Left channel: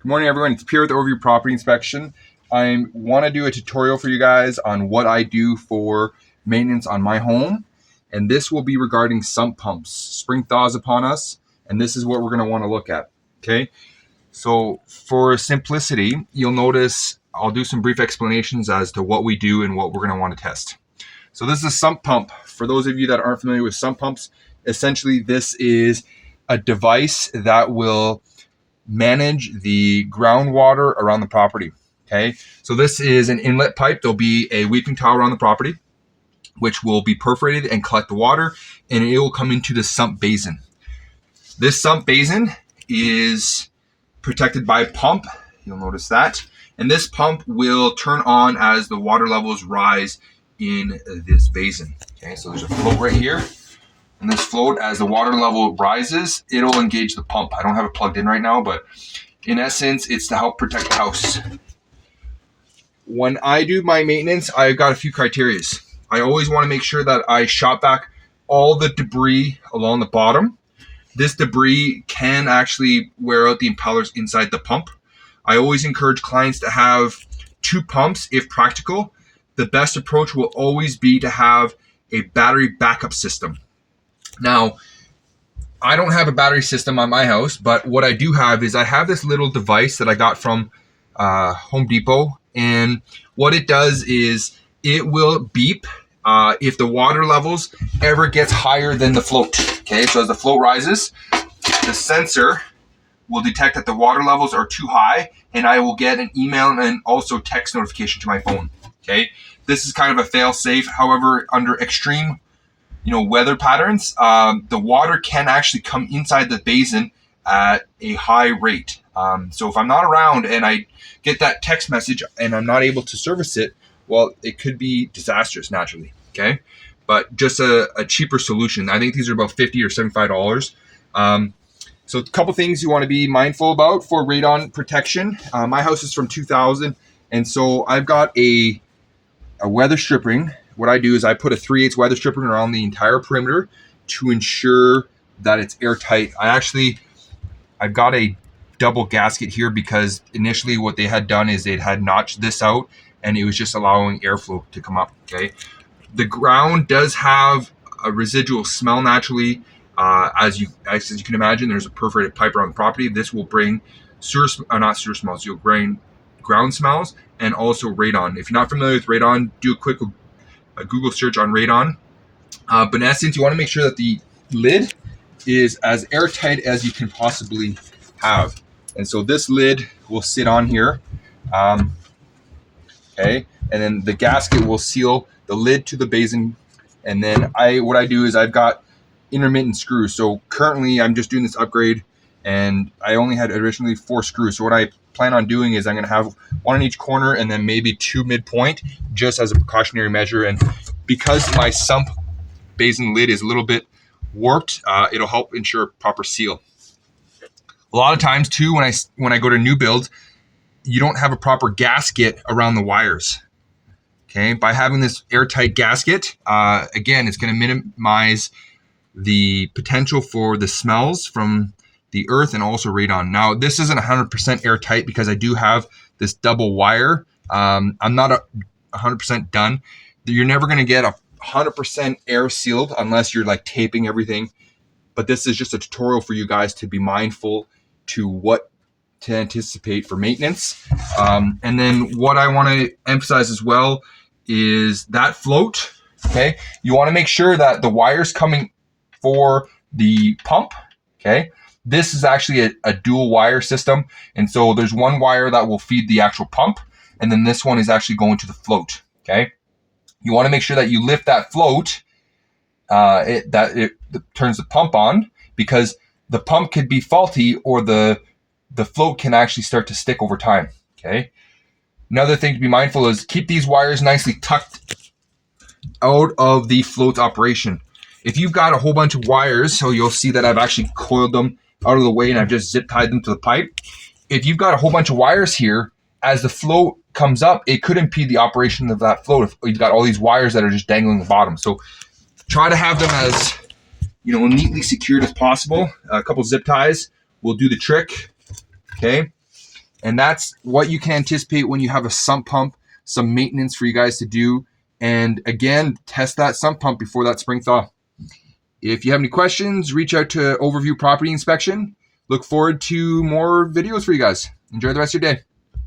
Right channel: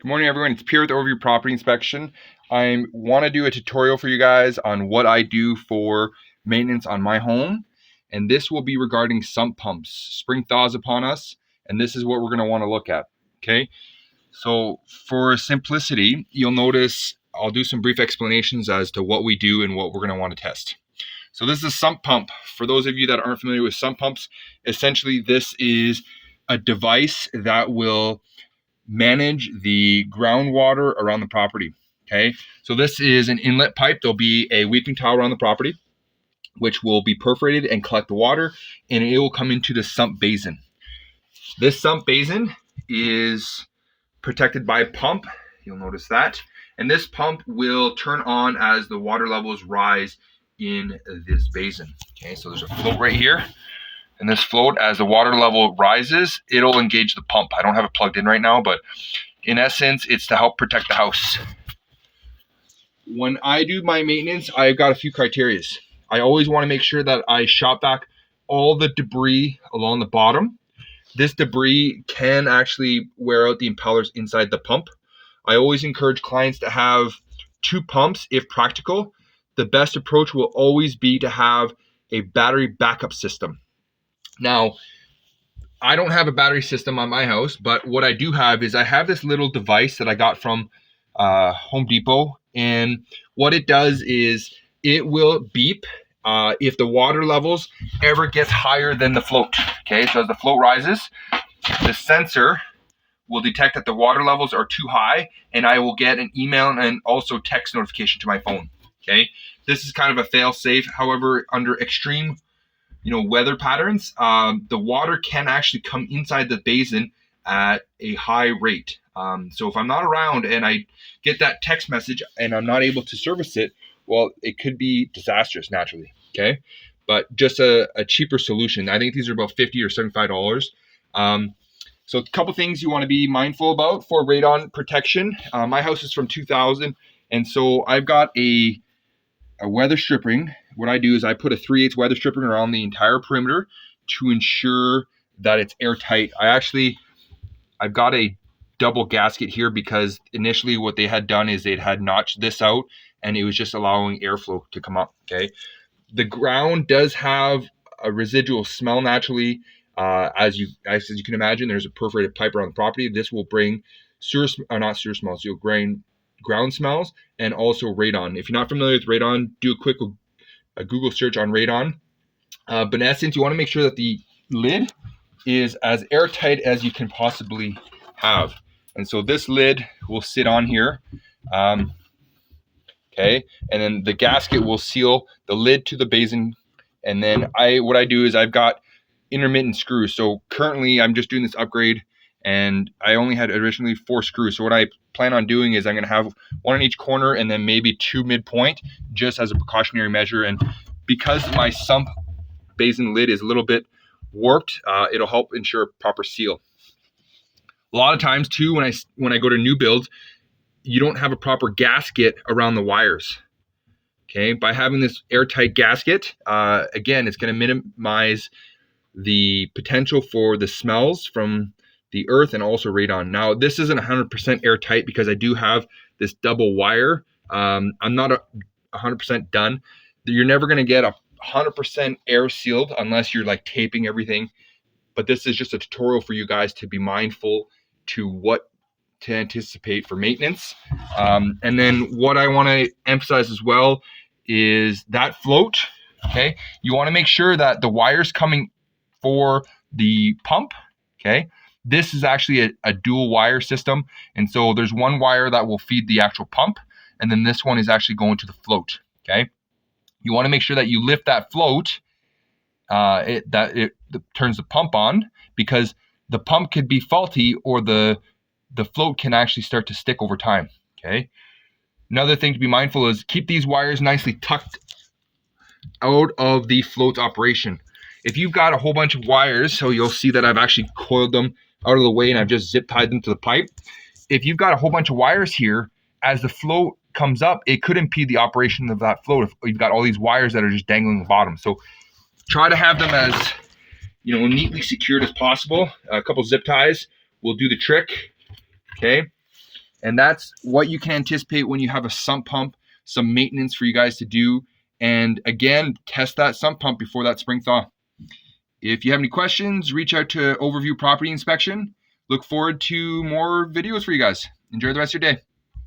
Good morning, everyone. It's Pierre with Overview Property Inspection. I want to do a tutorial for you guys on what I do for maintenance on my home. And this will be regarding sump pumps. Spring thaws upon us, and this is what we're going to want to look at. Okay. So for simplicity, you'll notice I'll do some brief explanations as to what we do and what we're going to want to test. So this is a sump pump. For those of you that aren't familiar with sump pumps, essentially this is a device that will manage the groundwater around the property. Okay, so this is an inlet pipe. There'll be a weeping tower on the property, which will be perforated and collect the water, and it will come into the sump basin. This sump basin is protected by a pump. You'll notice that. And this pump will turn on as the water levels rise in this basin. Okay, so there's a float right here. And this float, as the water level rises, it'll engage the pump. I don't have it plugged in right now, but in essence, it's to help protect the house. When I do my maintenance, I've got a few criteria. I always want to make sure that I shot back all the debris along the bottom. This debris can actually wear out the impellers inside the pump. I always encourage clients to have two pumps if practical. The best approach will always be to have a battery backup system. Now, I don't have a battery system on my house, but what I do have is I have this little device that I got from Home Depot. And what it does is it will beep if the water levels ever gets higher than the float. Okay, so as the float rises, the sensor will detect that the water levels are too high, and I will get an email and also text notification to my phone. Okay, this is kind of a fail safe. However, under extreme weather patterns, the water can actually come inside the basin at a high rate. So if I'm not around and I get that text message and I'm not able to service it, well, it could be disastrous naturally. Okay, but just a cheaper solution. I think these are about $50 or $75. So a couple things you want to be mindful about for radon protection. My house is from 2000, and so I've got a weather stripping. What I do is I put a 3/8 weather stripping around the entire perimeter to ensure that it's airtight. I've got a double gasket here because initially what they had done is they had notched this out and it was just allowing airflow to come up. Okay, the ground does have a residual smell naturally. As you can imagine, there's a perforated pipe around the property. This will bring not sewer smells. You'll bring ground smells and also radon. If you're not familiar with radon, do a Google search on radon. But in essence, you want to make sure that the lid is as airtight as you can possibly have. And so this lid will sit on here. Okay, and then the gasket will seal the lid to the basin. And then what I do is I've got intermittent screws. So currently I'm just doing this upgrade, and I only had originally 4 screws. So what I plan on doing is I'm going to have one in each corner and then maybe 2 midpoint, just as a precautionary measure. And because my sump basin lid is a little bit warped, it'll help ensure proper seal. A lot of times too, when I go to new builds, you don't have a proper gasket around the wires. Okay, by having this airtight gasket, again, it's going to minimize the potential for the smells from the earth and also radon. Now, this isn't 100% airtight because I do have this double wire. I'm not 100% done. You're never going to get 100% air sealed unless you're like taping everything. But this is just a tutorial for you guys to be mindful to what to anticipate for maintenance. And then what I want to emphasize as well is that float. Okay, you want to make sure that the wires coming for the pump, okay, this is actually a dual wire system. And so there's one wire that will feed the actual pump, and then this one is actually going to the float. Okay, you want to make sure that you lift that float, it turns the pump on, because the pump could be faulty or the float can actually start to stick over time. Okay, another thing to be mindful is keep these wires nicely tucked out of the float operation. If you've got a whole bunch of wires, so you'll see that I've actually coiled them out of the way and I've just zip tied them to the pipe. If you've got a whole bunch of wires here, as the float comes up, it could impede the operation of that float if you've got all these wires that are just dangling the bottom. So try to have them as neatly secured as possible. A couple zip ties will do the trick. Okay. And that's what you can anticipate when you have a sump pump, some maintenance for you guys to do. And again, test that sump pump before that spring thaw. If you have any questions, reach out to Overview Property Inspection. Look forward to more videos for you guys. Enjoy the rest of your day.